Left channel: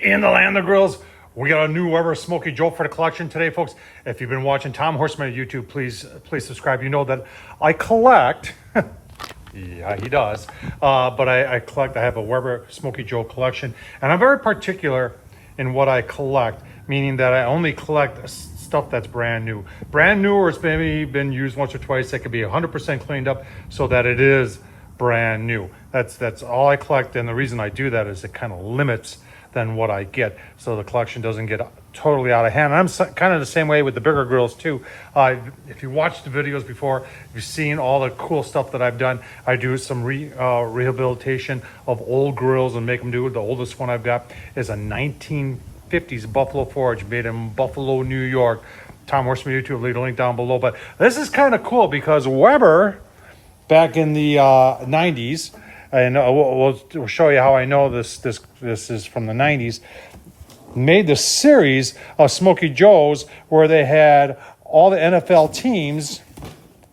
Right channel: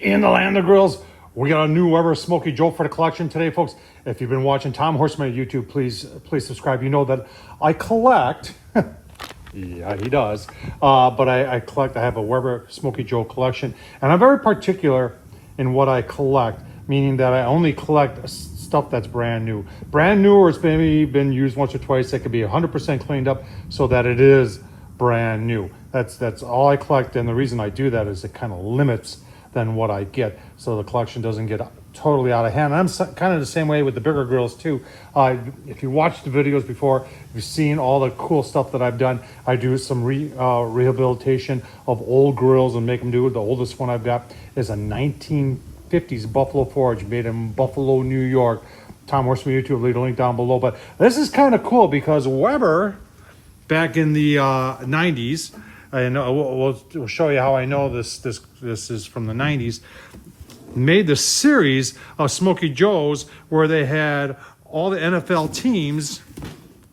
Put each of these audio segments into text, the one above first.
in the land of grills. We got a new Weber Smokey Joe for the collection today, folks. If you've been watching Tom Horsman on YouTube, please subscribe. You know that I collect. Yeah, he does. But I collect. I have a Weber Smokey Joe collection, and I'm very particular in what I collect, meaning that I only collect stuff that's brand new. Brand new, or it's maybe been used once or twice. It could be 100% cleaned up so that it is brand new. That's all I collect, and the reason I do that is it kind of limits then what I get, so the collection doesn't get totally out of hand. And I'm kind of the same way with the bigger grills too. If you watched the videos before, you've seen all the cool stuff that I've done. I do some rehabilitation of old grills and make them do it. The oldest one I've got is a 1950s Buffalo Forge made in Buffalo, New York. Tom Horsman YouTube, leave a link down below. But this is kind of cool because Weber, back in the 90s, and we'll show you how I know this is from the 90s, made the series of Smokey Joes where they had all the NFL teams.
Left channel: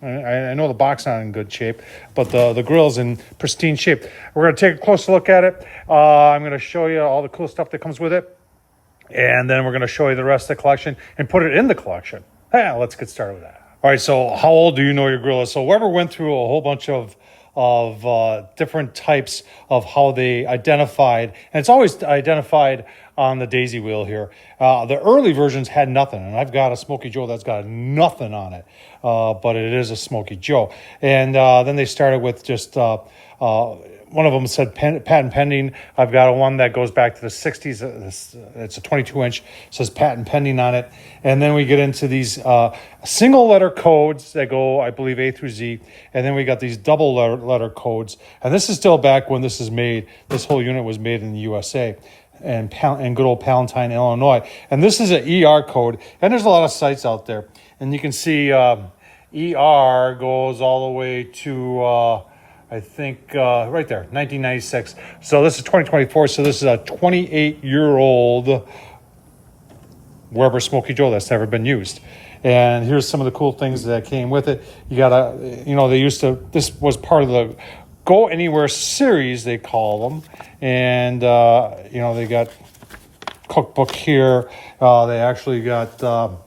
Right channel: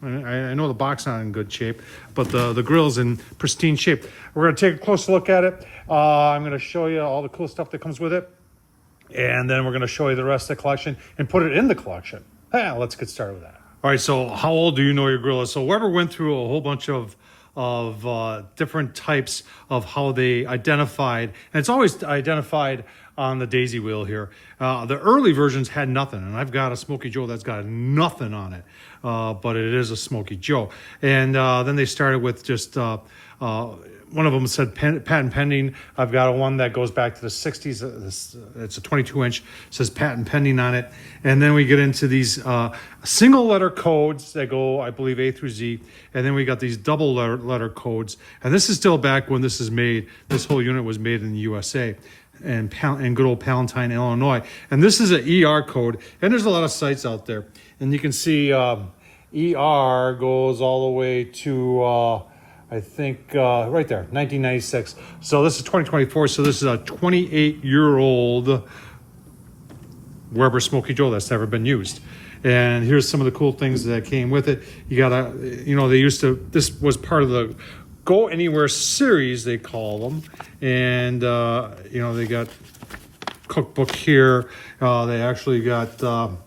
I know the box not in good shape, but the grill's in pristine shape. We're going to take a closer look at it. I'm going to show you all the cool stuff that comes with it, and then we're going to show you the rest of the collection and put it in the collection. Let's get started with that. All right, so how old do you know your grill is? So Weber went through a whole bunch of different types of how they identified, and it's always identified on the daisy wheel here. The early versions had nothing, and I've got a Smokey Joe that's got nothing on it, but it is a Smokey Joe. And then they started with just one of them said patent pending. I've got one that goes back to the 60s. It's a 22-inch, says patent pending on it. And then we get into these single letter codes that go, I believe, A through Z. And then we got these double letter codes. And this is still back when this is made. This whole unit was made in the USA and good old Palatine, Illinois. And this is an ER code. And there's a lot of sites out there. And you can see ER goes all the way to... I think right there, 1996. So this is 2024. So this is a 28-year-old Weber Smokey Joe that's never been used. And here's some of the cool things that came with it. You got this was part of the Go Anywhere series, they call them. And, they got cookbook here. They actually got the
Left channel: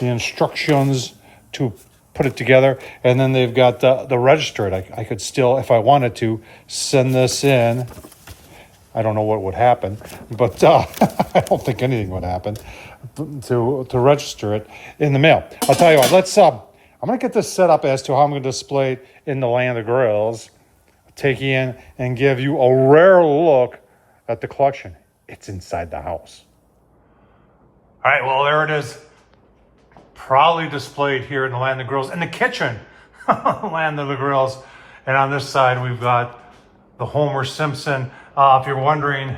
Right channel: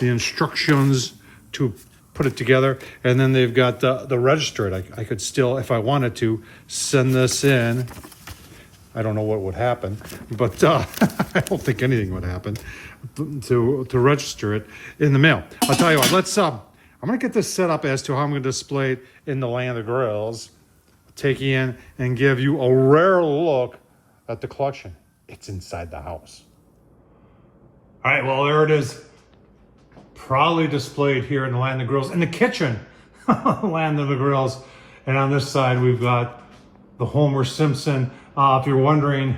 instructions to put it together, and then they've got the register it. I could still, if I wanted to, send this in. I don't know what would happen, but I don't think anything would happen to register it in the mail. I'll tell you what, let's I'm gonna get this set up as to how I'm gonna display it in the land of grills, take you in and give you a rare look at the collection. It's inside the house. All right, well, there it is. Proudly displayed here in the land of the grills, in the kitchen, land of the grills. And on this side, we've got the Homer Simpson. If you're wondering,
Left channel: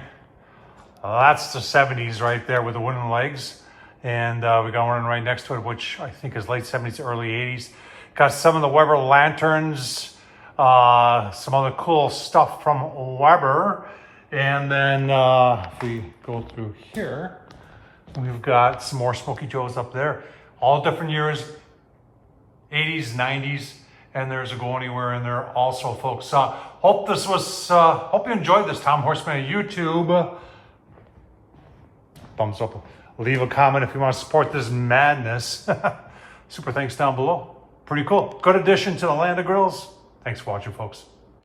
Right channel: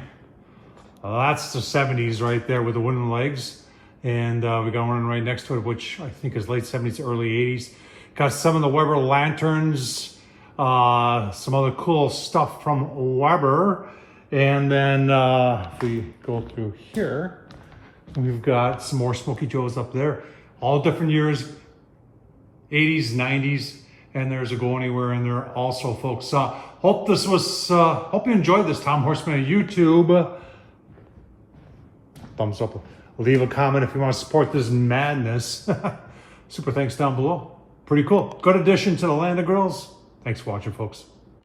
that's the 70s right there with the wooden legs. And we got one right next to it, which I think is late 70s, early 80s. Got some of the Weber lanterns, some other cool stuff from Weber. And then if we go through here, we've got some more Smokey Joes up there. All different years, 80s, 90s, and there's a Go Anywhere in there also, folks. Hope you enjoyed this. Tom Horsman on YouTube. Thumbs up. Leave a comment if you want to support this madness. Super thanks down below. Pretty cool. Good addition to the land of grills. Thanks for watching, folks.